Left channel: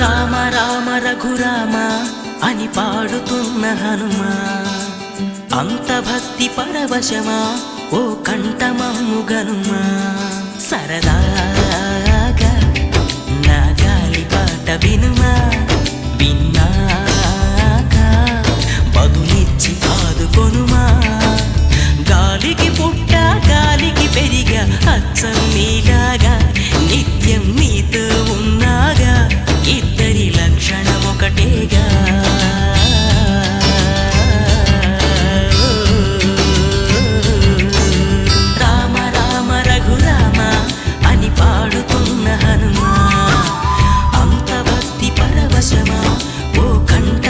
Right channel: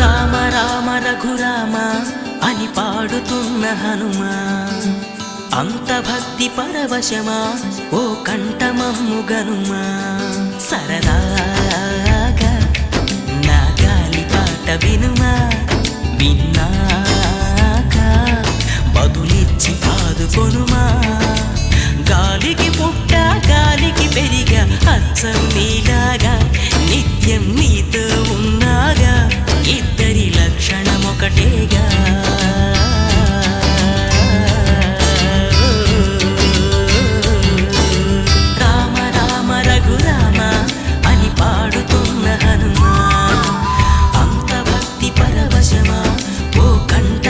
రామ రామ రఘురామ అని పాడుతున్న హనుమా, అంత భక్తి పరవశమా ఓ కంఠమమ్ము గనుమా. సరదాగా నా గాలి పాట వినుమా, విన్నాక బదులిచ్చి ఆదుకొనుమా. గాలికి పుట్ట గాలికి పెరిగా అచ్చం నీలాగా, నిత్యం నీతో ఉన్నాగా, ఇద్దరి లక్షణం ఒకటేగా. రామ రామ రఘురామ అని పాడుతున్న హనుమా, అంత భక్తి పరవశమా ఓ కంఠ